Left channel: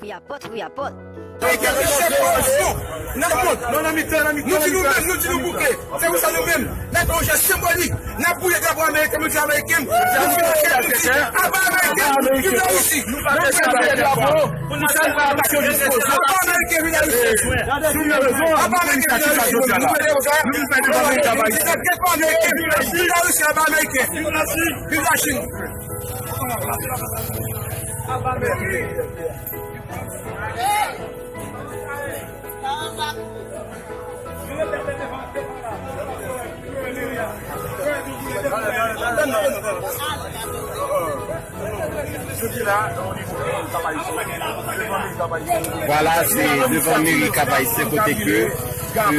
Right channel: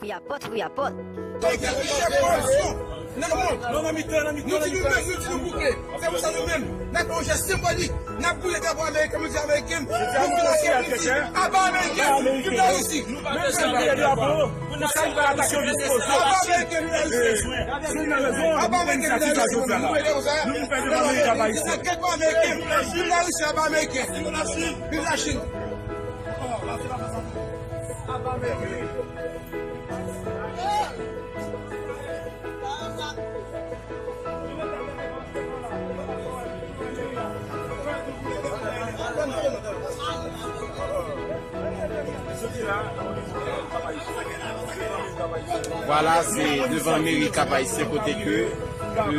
We are pot, we are pot. Nou di nou bouke, se ou sa nou men, la proje simbolik, na pouye d'abo Ameriken, mouti Ameriken, nou finanche mouti, aba Ameriken, ki da usi. Nou pa de chanpe d'abo, pou nou sa pa aksyon de se aba Ameriken vina usi. Aba Ameriken vina usi, nou pe de oza, sa kepo Ameriken, ki da usi aba Ameriken, ki da Chine. Aba Ameriken. Voilà, c'est de famille qui a passé côté que un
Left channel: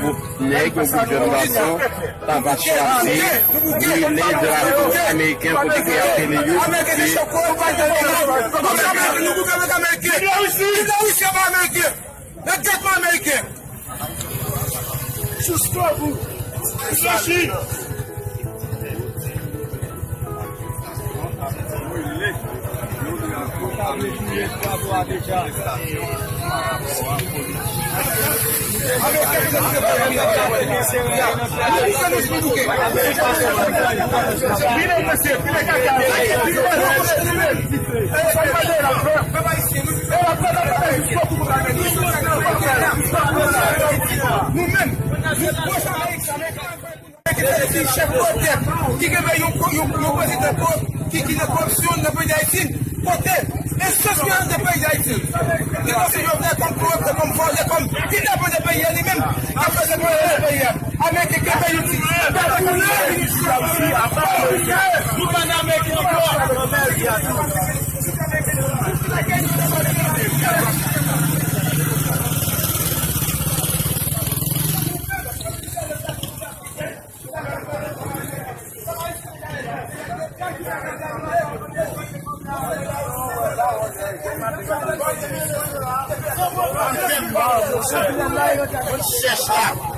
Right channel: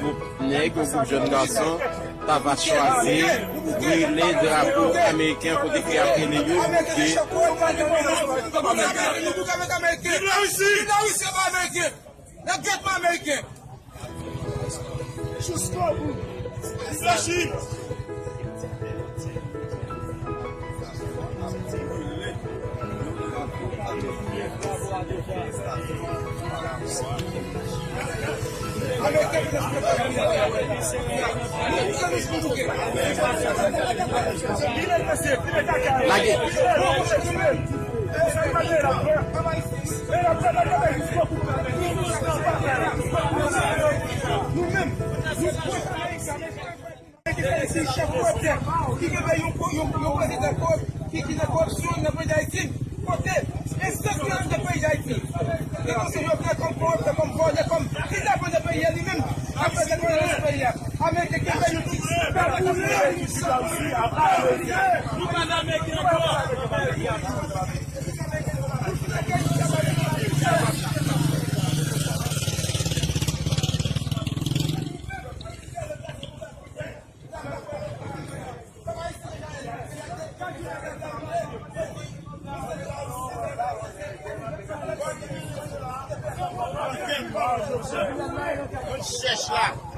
groupe nègre, un jeune garçon, ça va chercher les drapeaux américains pour les créer. Jusqu'au bout. Flashy. Nous-mêmes, chef qui est un président qui est corruption dans le pays d'Haïti, côté essentiel des pays d'Haïti. Qui est comme force, comme qui est le pays lui-même, après le pays. Avec les pays Cherche là.